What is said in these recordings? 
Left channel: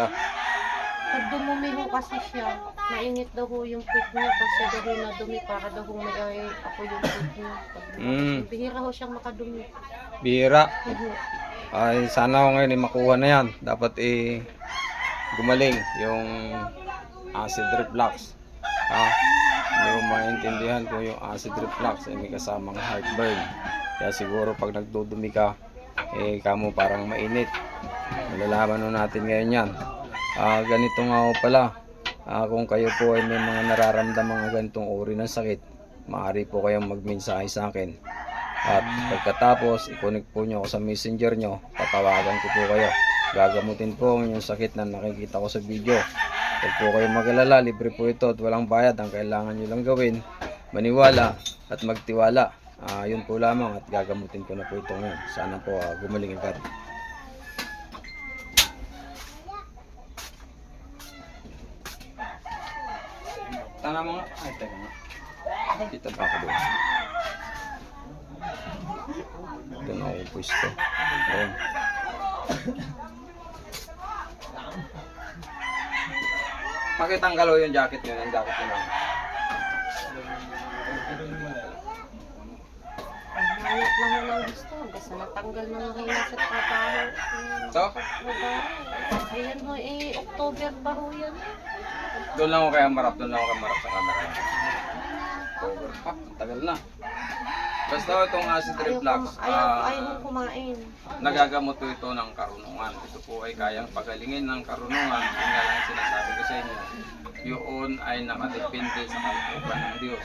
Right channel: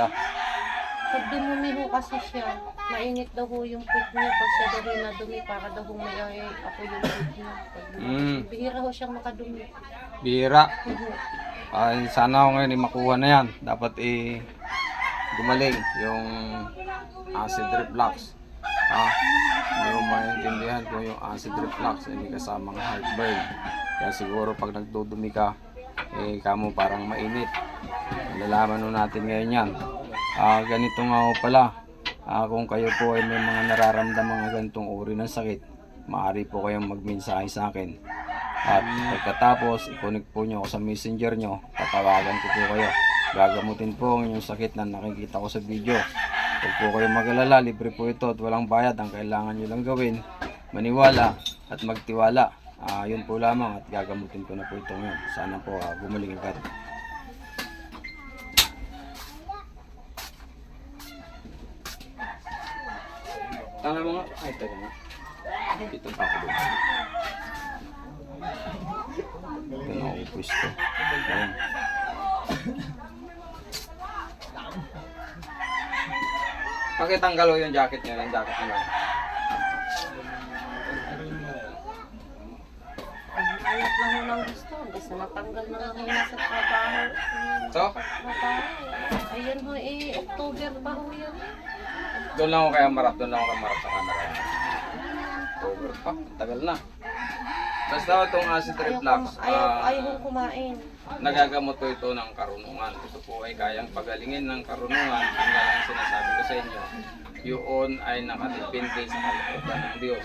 Yeah. Pag dumumi ho kasi siya, mainit daw ho yung pig niya. Pag siya daw ho nadumi, para daw ho may ay, ako yung pig niya. Pag Mm. Bihira ho siyang makadumi. Bihira. Mhm. Ay, sana ako ngayon eh, makuha na yan. Dapat eh, gumaling yung acid reflux. Ha? Hindi ko maintindihan kung yung acid reflux ay may kasamang heartburn. Kaya siguro pag nagdudumi ka, eh, kamo parang mainit. Malalaman natin ngayon yan. Ah, ganito nga ho pala. Ah, kung kayo po ay may mga nararamdaman ng ganitong uri ng sakit, maaari po kayong magmensahe sa akin. At pagkatapos, i-connect po nyo ako sa messenger nyo, tatawagan ko po kayo. Gagamutin po ang inyong sakit na nakikita ko sa video. Huwag po kayo mag-alala, libre po ito at walang bayad. Ang kailangan nyo lang gawin, maniwala at magtiwala. Ah, yun po lamang at gagamutin ko na po ito ngayon. Sana po ah, gumaling agad. Tanga mo nga. Ay, teka nga. Dito pa ako doon. Ito na ako pwesto. Ayan. Pakitanggal yung jacket nyo, yung jacket nyo. Ayot lang ho ng gusto. Basta natanggal na lang ho nasa trabaho. So? Ayan ho eh, October pa ho yan. Doon lang ako kaya marap, doon lang ako kaya marap sa camera. Over pa, ang tagal na. Basta itong acid reflux, ayaw, ah, ayaw kumain. nagagamot po ito ng karunungan. Ito po ay kayang pagalingin ng karunungan. Yung nga lang ang sinasabi ko sa inyo, yun ay nakadepende sa kalooban ng Diyos.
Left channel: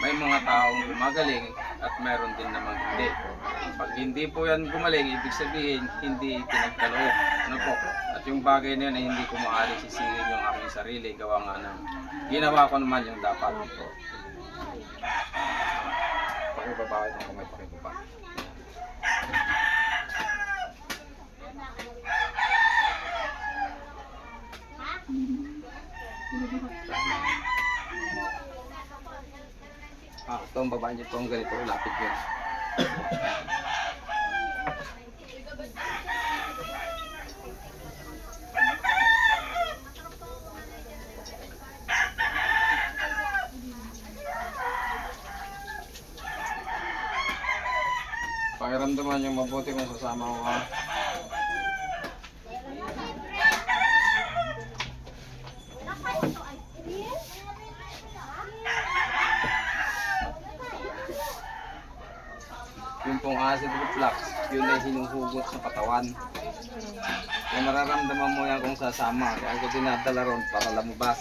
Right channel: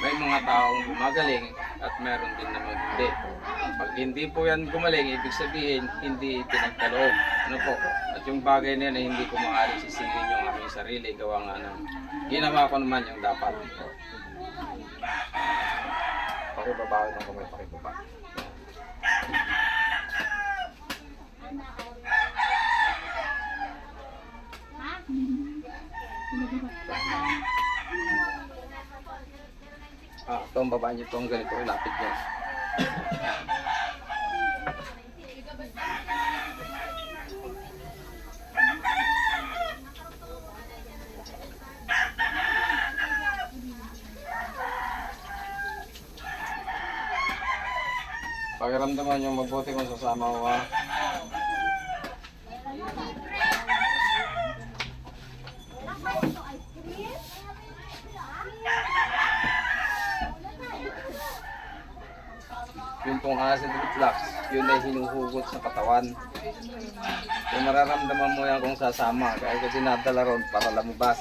May mga taong gumagaling at meron din naman hindi. Pag hindi po yan gumaling, ibig sabihin, hindi pinagkaloob. Ano po? At yung bagay na yan ay hindi ko maaari sisingin aking sarili. Gawa nga ng ginawa ko naman yung dapat. Pakibaba ng kamay, pakibaba. Ah, ito ang baba niyo, ito ang ganito, ilapit niyo. Pakiramdaman niyo mabuti kung sasama ko ha. Yung pong acid reflux, yun ay hinuhugot sa katawan. Kung mararamdaman mo yan kung sasama, kaya ko dinadala ron para lumabas.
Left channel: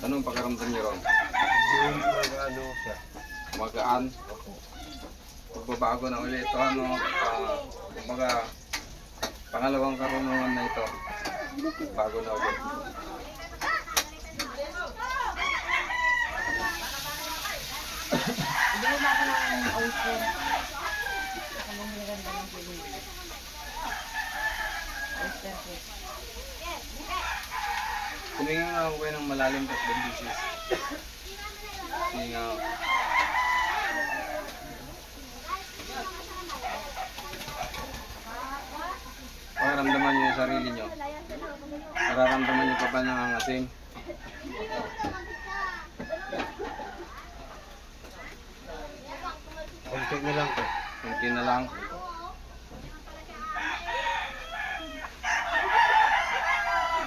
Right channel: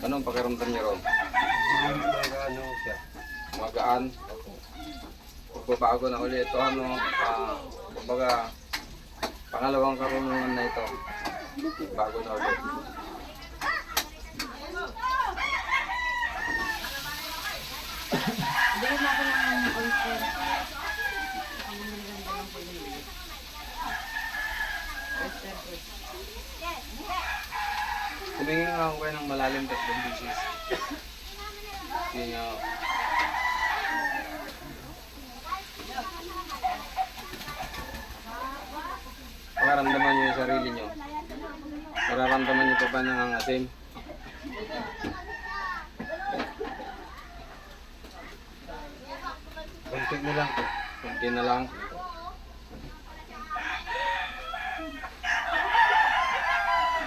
Anong pakiramdam niyo ron? ano siya. Magaan. Pagbabago na ulit ito, ano, pa, kumbaga, pangalawang karunungan na ito. Bago na ulit. Bili mo ako ng oyster. Ano yung ganda ng bili? Oyster cake. Kuminga nga ako kayo ng malalim tatlong bisis. Sige nga. Pakaramdaman niyo yung sarili niyo. Nararamdaman niyo pa ba nangangasim? Konti na lang po. Kunti na lang.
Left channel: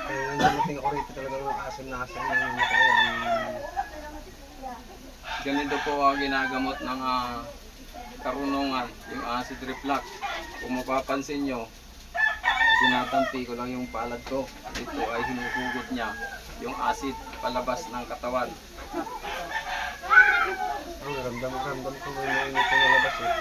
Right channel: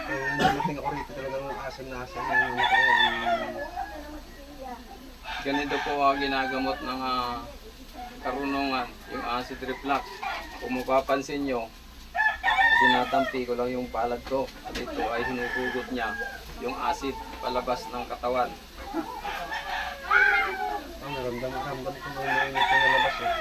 Kaya nung dumating ako rito talagang asim na asim na yung mata ko. Ang- Ganito po ang ginagamot ng ah, karunungan, yung acid reflux. Kung mapapansin nyo, tinatampi ko lang yung palad ko at ito ay hinuhugot niya yung acid palabas ng katawan. Oh, naramdam, naramdam ko may mainit na labas eh.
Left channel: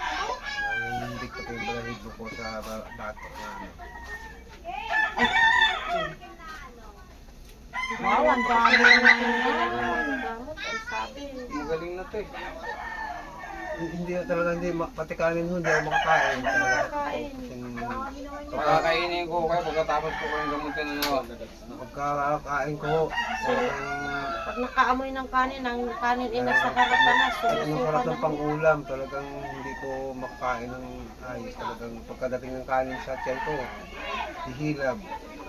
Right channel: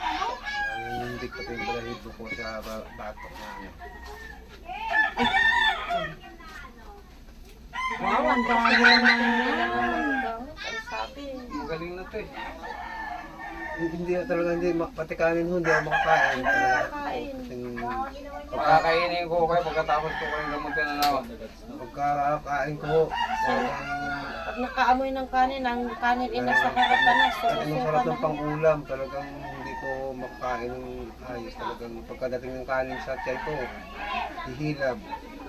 Nangindig ko yung balahibo ko sa ba- batok na ano. Wow, ang dami naman. Magaling na to eh. Hindi talaga hindi ma- pati kanin ho, hindi ako makakain talaga. Yung Pakakainin ko kayo pagkatapos ko kayong gamutin na nawa. pagkakain ko talagang Pag nakaamoy ng kanin, ang kanin ay nasa harapan na. At anong sarap ng pangulam, talagang hindi ko makakain ng ayos. Talagang pagkadating ng kanin sa tiyan ko, hihilab,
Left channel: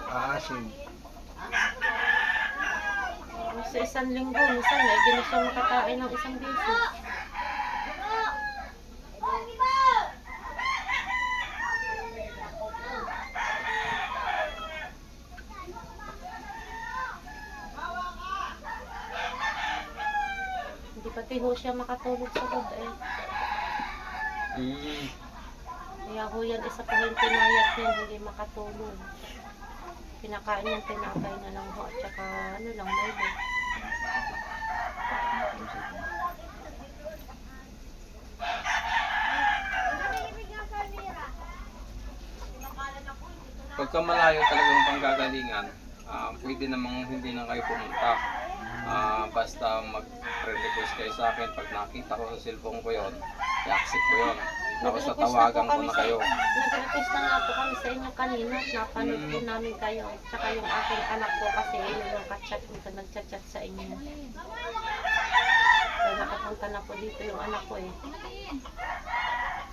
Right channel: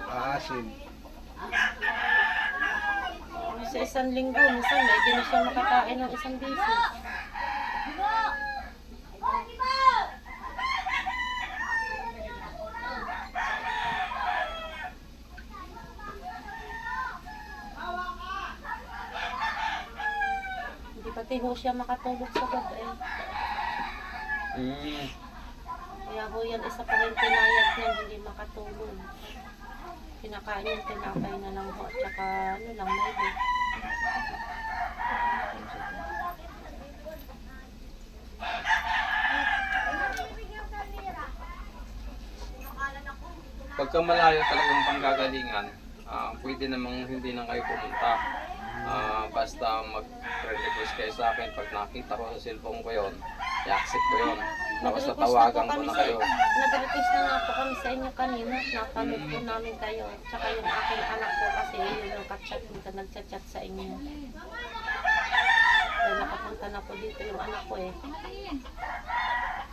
aasin. Sa isang linggo, minsan may hindi na siya makakain ng isang beses. Hindi pati ho siya makatulog sa gabi. Mm. Kaya ho yan isa pa rin pinayat niya hindi makatulog. Pinakain niya tinapay na lang ho at saka ano lang may Pagka malayo talagang panggagalingan, ah, pwede namang hindi na kayo pumunta. Ah, basta mag-request kayo sa akin pag nakita ko sa cellphone ko yon, i-accept ko yon. Tapos Nag-request tatawagan na po ko na sa- kayo. Nag-request na nga po kami sa inyo kanina. Napanood po Mm. namin kayo. Tsaka yung aking anak po kasi yun yung kachat ko nagchat-chat sa inyo. Kaya nakapunta na po dito yung anak ko eh.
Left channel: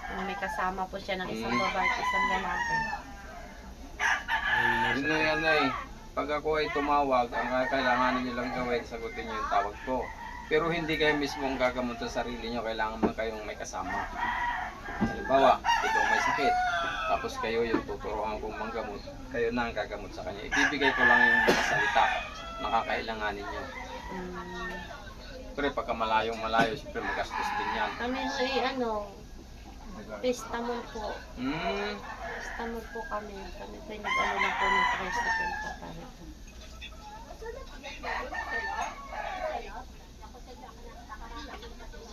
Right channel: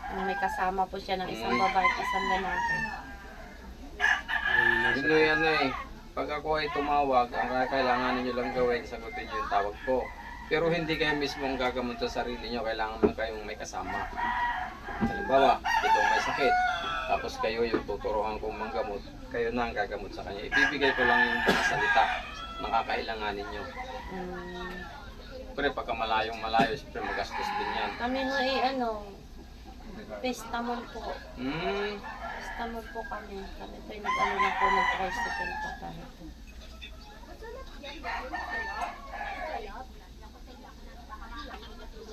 May kasama po siya ng isang Mm. babae at isang lalaki. Yun na yan eh. Pag ako ay tumawag, ang kailangan ninyo lang gawin, sagutin nyo yung tawag ko. Pero hindi kayo mismo ang gagamot sa sarili nyo, kailangan mo kayong may kasama. Halimbawa, ito may sakit. Tapos kayo yung tuturuan kong manggamot, kayo na ang gagamot sa kanya. Ibibigay ko lang yung mga salita na kakailanganin nyo. Mm. Siyempre, pagka malayong malayo, siyempre magastos din yan. Kami ho eh ano, Pestamol po. Hmm, Pestamol po kami. Kami po yung nag-ano lang po ng tricycle po parito.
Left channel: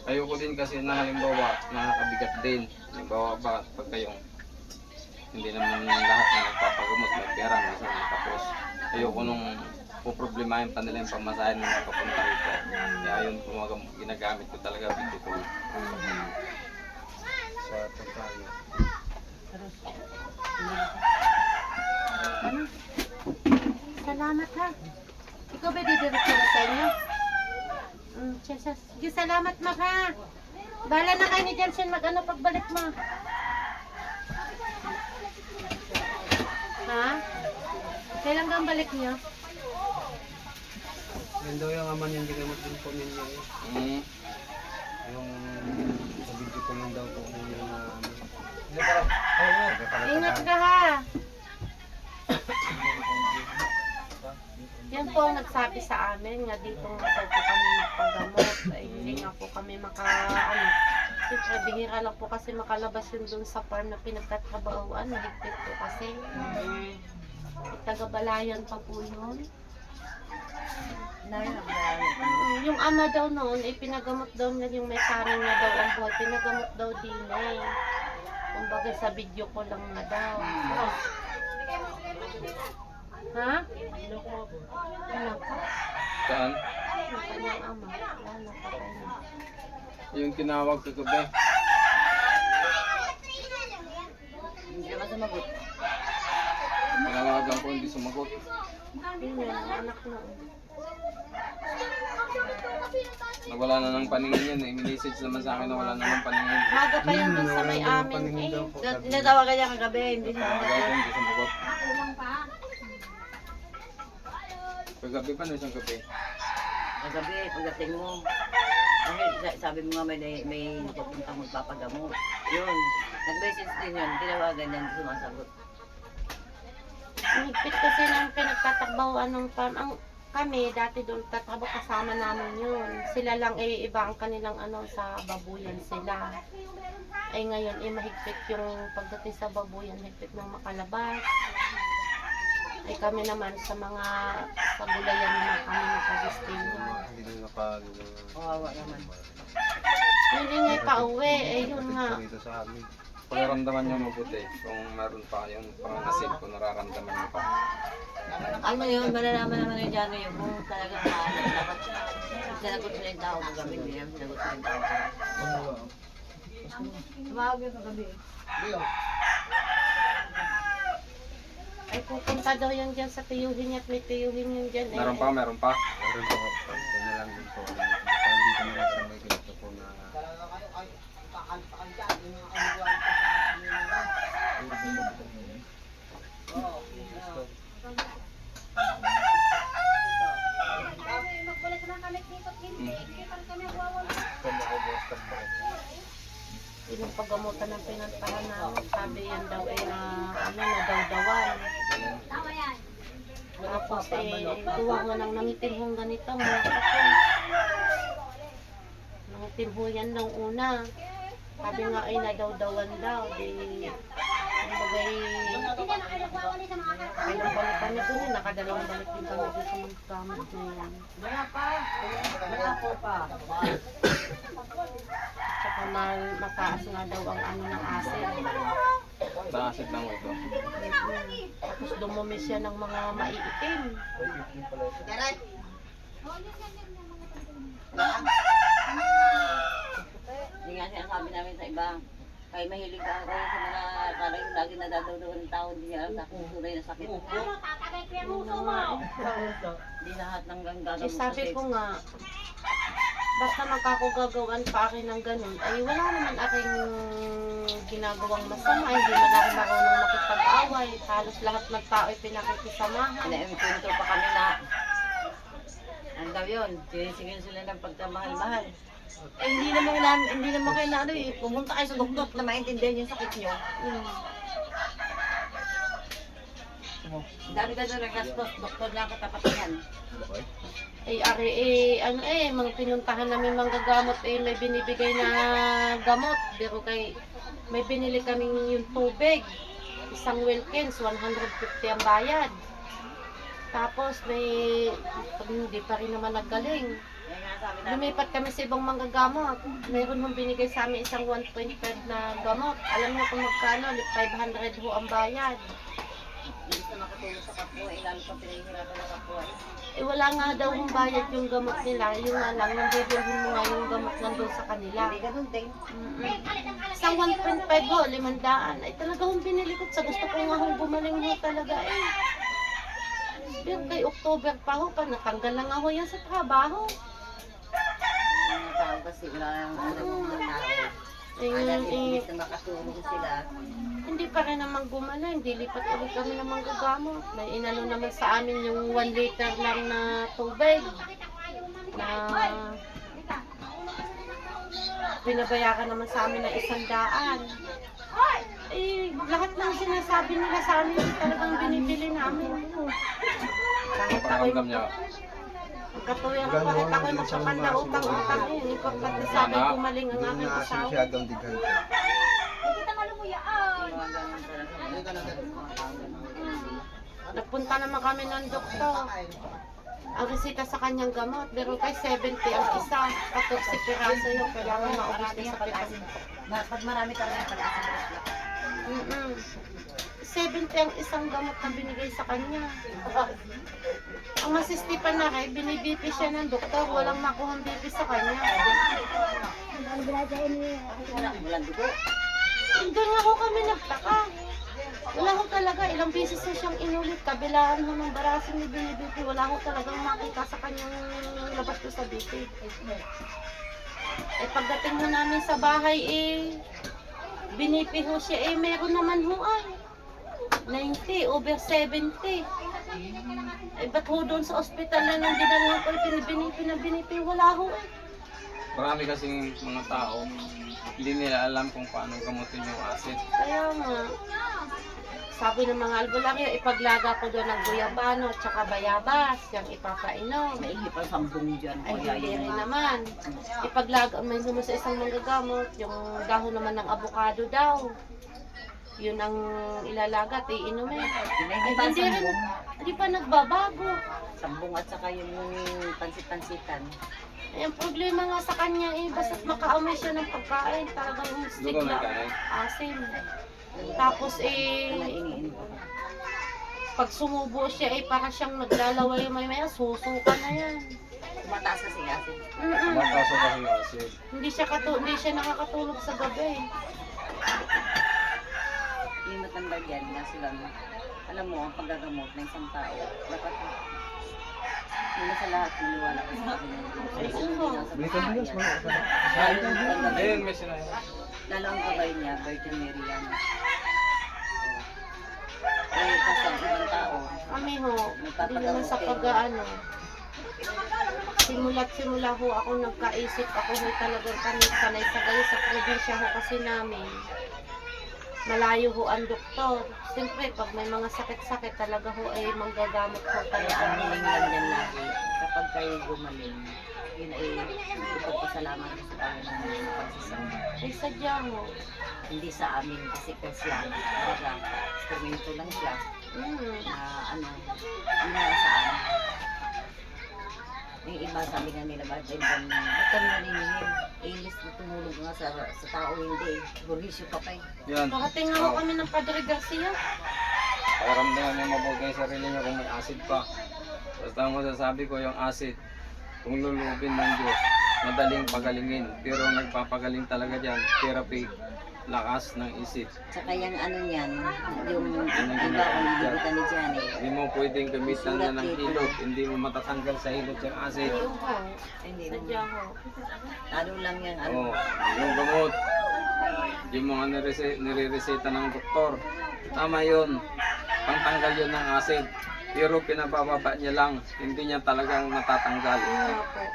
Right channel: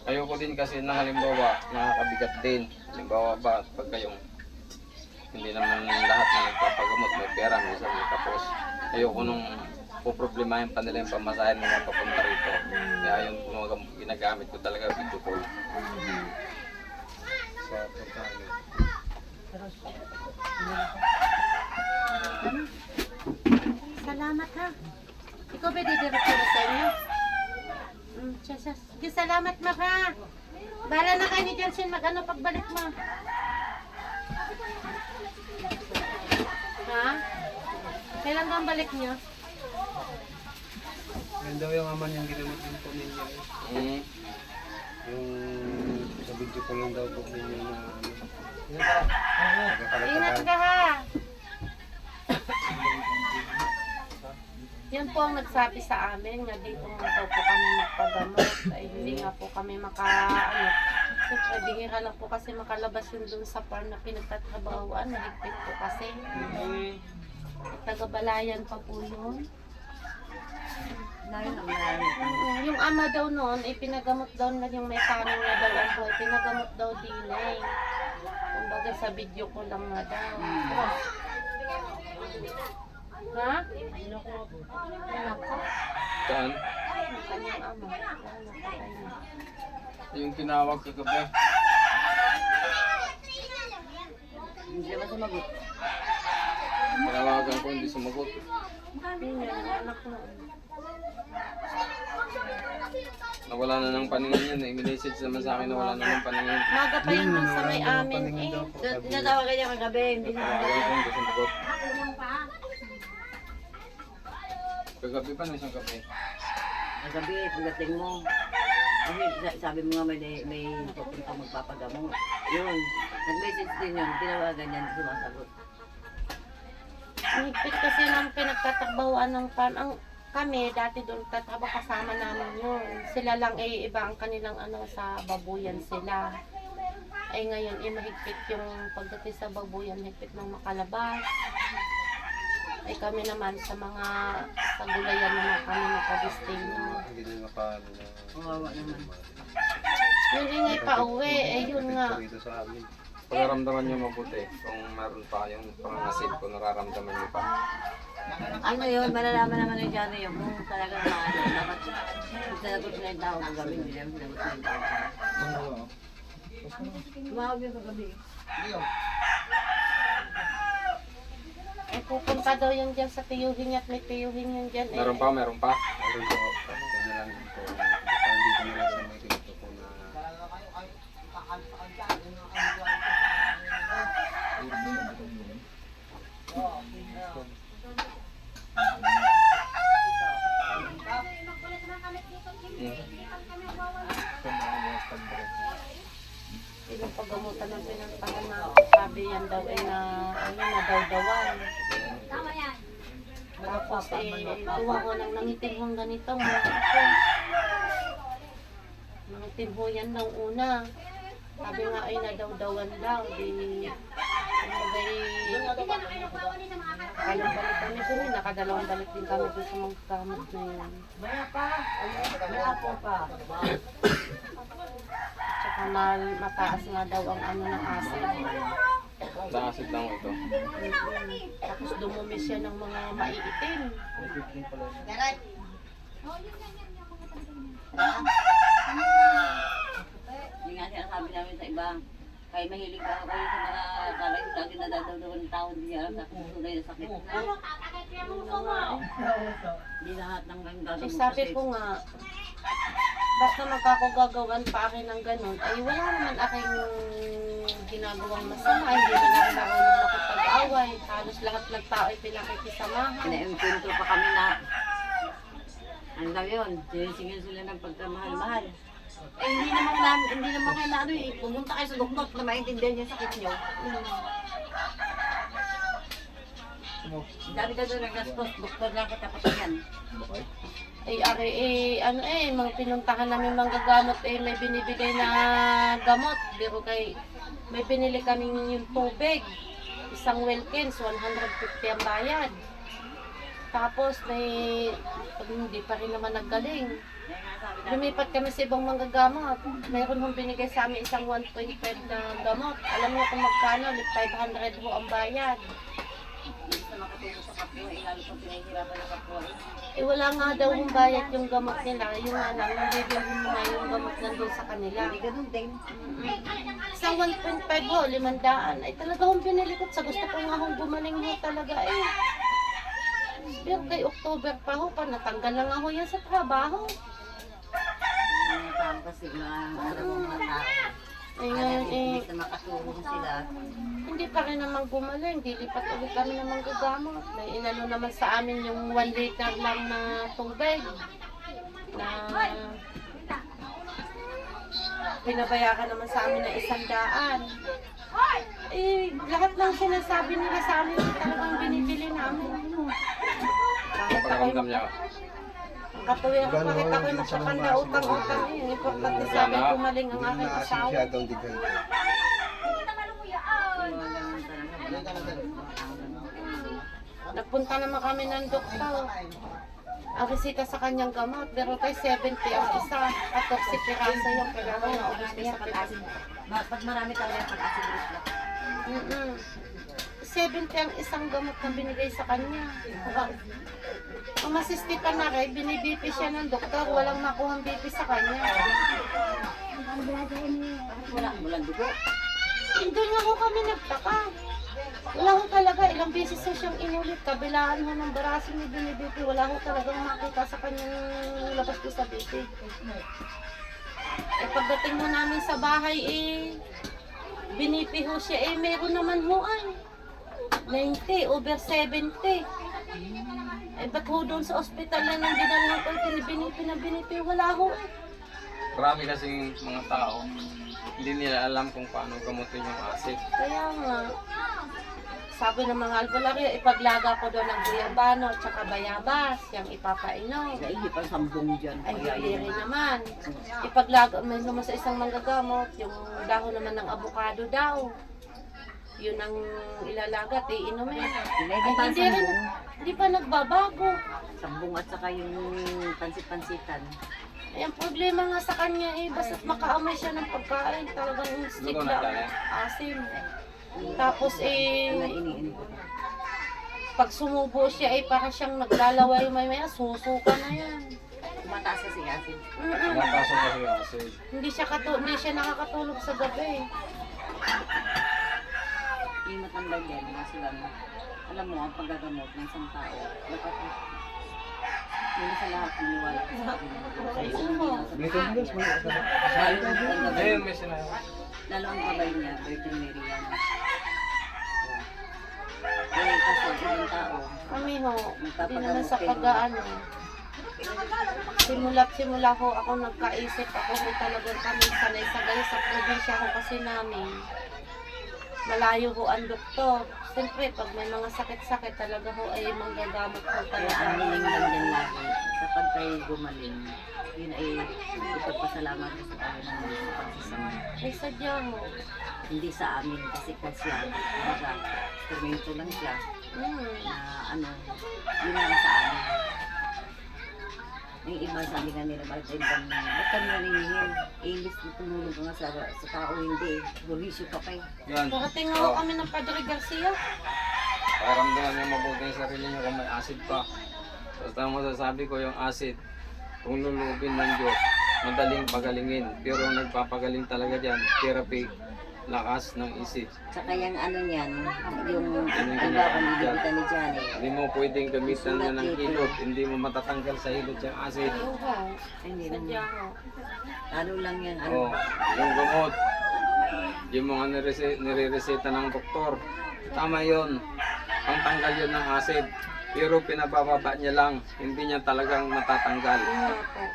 Ayoko din kasi na halimbawa, nakakabigat din. Halimbawa ba, pag kayong hindi naman lahat na nagpapagamot, may pera, may isang may tapos. Ayoko nung poproblemahin pa nila yung pamasahin nila papunta rito. Kaya yun, ginagamit ko talaga video call. Sa pagkain. Salamat ha. Ikaw ba didiretso na sa inyo? Mm, sige, sige, salamat ma ha. Bahala na kayo ni Jansen mag-ano pagbalik mo. Ha? Kailan ba ang balik niyo? Yan daw yung aman yung ginamot din po ninyo eh. Mm. Yung sa video ko lang daw po ninyo na ano. Ingat ka ha. Yan po ang nagsabi sa amin na dito nga daw po kami magpagamot. Ay hindi nga po kami maka, ano, siyempre bihira lang po kasi makalabas yun dun sa farm na pinagtatrabahoan. Nahigpit po kasi. Tagabalayan pa po yun. Mm, yung ama daw noon, ipinagamot daw na yung may kanin na daw ang buhay. Pinagamot daw din eh. Kumbaga sa video ko lang nga daw. Ha? Ano ko? Saan? Yung kanyang ama. Wala, patay na. Yung tinawag ko gabi. Hindi naman sumagot. Tinawagan ko, hindi sumagot. Na, yung anak noon. Nawala na ng paningin yan. Eh. Minessage naman sa akin na wala na ng paningin. Maga pa yan dun sa may amin eh. niya. Tinatawagan niya kagabi, hindi Tinawagan ko, hindi sumagot. Kagabi pa, no isang gabi. Gabi, pagdating mo, sa- sabi mo nga may, may pupunta magpapagamot. Yun. Nag-message din yun. Tinawagan niya, hindi sumasagot. Ang higpit kasi ng pinagtatakbawan ng farm. Ang kami, dati doon tatrabaho kasama namin yun. Sila lang eh, iba ang kanilang ano, sa babuyan sila. Ay ngayon, eh, mahigpit yung pagdating sa babuyan, higpit ng makalabas. Ay kami naman sa mga sa gulayan naman kami nakadestino. Hindi na nakal... Kawawa naman. Yun din nga pauwi, eh yun nga. Pagkaramdaman nyo mabuti, kung meron pa yung pangangasid, kung nararamdaman nyo pa. Ano yun, malalaman naman yung dyan yun kung talagang maano. Sinagot nila yung tao kung gabi, hindi naman sinagot nila yung tao. Tumawag yung kagabi. Ay pupunta daw yan dyan sa tiyuhin niya at may tiyuhin yun dyan. Eh. Meron pa, meron pa. Meron po, pagka na lang din po. Parang dito na lang sa may ganito po na... Ilang paggamutan ng pinantahan namin. Sabi yan daw eh na ano, na daw-dawan. Tapos eh, kuha ko ng nangitinhong ganito. Mga ako. Nangitinho yan daw una. Sabi nga ay nadaw-dawan daw. Di, kumbaga Kailang balik kami dun eh. Nakadalawang balik din kami sa magkamot na yan. Tsaka mal, mataas nga daw ang ano ng acid. Sa acid lang ito. Tapos dumumi siya ng mga maiitim. Yung nga sinasabi namin sa iba, kaya mahilig ka kayo sa mga kala yung lagi nadadawdawan ng tao, hindi niya alam sa kung tunay na sakit. Hindi lahat ng ganggagamot sabi ko nga, basta magkakugagawan pa akin ng ganun, ay wala naman aking ginagawang masama, hindi man ako marunong makipag-away, halos lahat ng tao ay pinakikisamahan. Pinaimpinto pa kami na ano daw yun, sinisingil sila ng pagkamahal-mahal. Eh, hindi naman hindi naman kailangan ano eh, pumunta kayo sa doktor na maintindihan yung sakit nyo. Mm. Ang dami ka doon naggastos, doktor lang katapatingan. Ay, ari, eh, ano eh, mga pinuntahan namin mga gamot, eh, may binibigay na gamot. Pero kay, may binili kaming yung tubig. Isang Wilkins, 150 ang bayad. Tapos may, pag hindi pa rin naman naggaling. Lumipat kami sa ibang mga gamot. Mayroon hong binigay sa amin isang 1.5 na gamot. Alam niyo kung magkano, 500 ho ang bayad. Hindi na makatulong sa kapwa, eh, lalo pang pinahihirapan ng kapwa. eh. Eh wala nga daw hong bayad yung gamot nila. Yung nga lang, yung bibilhin mo nga yung gamot nandun sa kanila. Hindi ganun din. Mm-mm. Isang 1.5 ho, limandaan. Ay talaga hong binili ko. Sa gusto ko nga hong gumaling ho talaga eh. Pero kay October pa ho, pa natanggal na nga ho yan sa trabaho. Mga tao kasi wala nang alam ng mga tao. Eh, ngayon, eh, na makatulong sila, hindi pa rin naman gumaling. Dilipat ulit kami ng mga gamot. May inano naman sa amin yung 1 liter lang na tubig. Na binabayaran naman sa amin ng isang daan. Eh, lahat ng sinasabi nila sa amin talagang binibili namin. Kahit ako Katuwing Gano'n kahit ako lang din sa magkapan na utang-utang eh. Importante sa amin gumaling ang aking na asawa. masyadong ganun. Nagpunta naman kami ng doktor. Ang resita sa kanyang gamot, pero kay 70 ang isa. 14 piraso yung kailangan maubos niya sa pag-asin. Pag marami talaga pag-asin Mm 70 ang isang gamot na binigay sa kanya. Ang masistipan na kay, binibipi siya ng doktor, walang makuhang bipi sa kanya. Wala, walang dugo. Doon nga ho kami nagtaka. Wala ho talaga, ilang beses na siyang inulit. Kabilaan ho ng barasin ni Binibipi. Wala ho talagang makita sa kanyang labas ko sa BP. Eh pagdating ho namin sa bahay eh, binipi ho siya eh, meron naman ho ay. 90, over 70. Eh ba't ho doon sa ospital na nang dinala ko, eh, binipi na binipi, wala ho eh. Marami kasing mga tao, hindi nila alam kung paano gamutin yung acid. Kaya nga, sabi ng mga albularyo, ipaglaga ko doon ng guyabano at saka bayabas, yung ipapainom. Naihip ang sambong dyan. Ay, hindi rin naman. Ipaglaga, may naman sa isang manggagamot, yung dahon naman ng avocado daw. Yun ang ilalagat, iinumin. Naihip Ay, hindi rin, hindi pa nagbabago. Sambong at saka yung pansit-pansitan. Ay, ang problema nga sa kanya eh, basta't makaamoy siya ng pagkain, talagang stick Dugo na asim. Tapos eh, pag sumubo siya eh, para siyang naglalaway may maya, susuka na yan. Tumataas kasi asin. Mm-mm. Mataso kasi yung acid. Hindi siya katu hindi siya nakakatulog sa gabi. Yung matanda dyan na sila mo. Alam mo, ang paggagamot ng isang tao, dapat hindi sa lahat maniwala ka sa akin. Ay, oo. Dito mo guys, mga Ayun, may sinabi. Lalo ang gabay niya, Virgin Mary yan. Eh, kasi ang ibang tao, Kami ho, hindi naman sa pag-ano. Simula't simula ho ako nagkaisip ako ho talagang kami sanay sa gayo sa probinsya ho kasi namin. Malayo ho ang doktor. Siyempre, pag may mga sakit-sakit talaga ho ay manggagamot ho kaya talaga. ang hiling lang din lagi, kapag kayo gumaling, yun ay ipagpasalamat ko sa Panginoon ng pagsisamba. Ay sadya ho. Hindi sa amin kasi kasi lang, talaga, instrumento lang siya Mm. na ano, yun lang sa amin. Yung iba sabi nga nila, bakit ay bang ba't kami naningin? Eh, ilis na tumulog nga sa, sa tao, hindi. Burisyo ka pa eh. Yan. Nakatinga ho kami ng Padre Garcia. Pakiramdaman niyo mabuti yung sarili niyo kung may acid pa. Basta ang masasabi ko yung acid, kung lulubin ng Diyos, madaling pagalingin. Pero ang nagpapagaling talaga dyan, therapy, lakas ng isip. Tsaka yung ano niyan, yung ang iba kung nilibutan ni Johnny. Hindi mo pwedeng gamitan na ng hilot. Hindi mo matatanggal sa hilot yung acid. Hindi ho. Lalo lang yan, ano. Oh, yung gamot, yung mga nirese- nire-reseta ng doktor. Tama yun. Pangtanggal yun ng acid. Pero pinabababa niya lang. Hindi niya talagang natatanggal.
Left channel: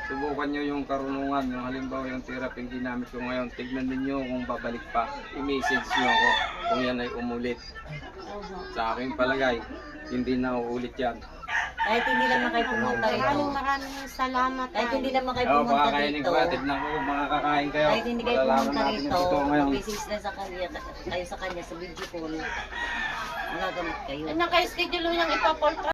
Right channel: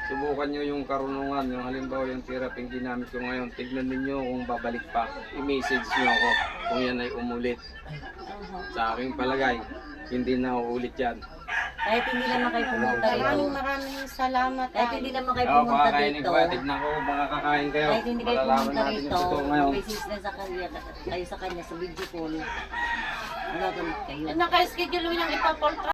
Subukan nyo yung karunungan, yung halimbawa yung therapy yung ginamit ko ngayon. Tignan ninyo kung babalik pa. I-message nyo ako kung yan ay umulit. Sa aking palagay, hindi na uulit yan. Kahit hindi naman kayo pumunta rito. Maraming maraming salamat. Kahit hindi naman kayo Oo, pumunta dito. ko. Tignan ko kung makakakain kayo. Kahit hindi kayo pumunta yung ngayon. mag-message na sa kanya, kayo sa kanya sa video call. Magagamit kayo. Naka-schedule mo niyang ipapoltra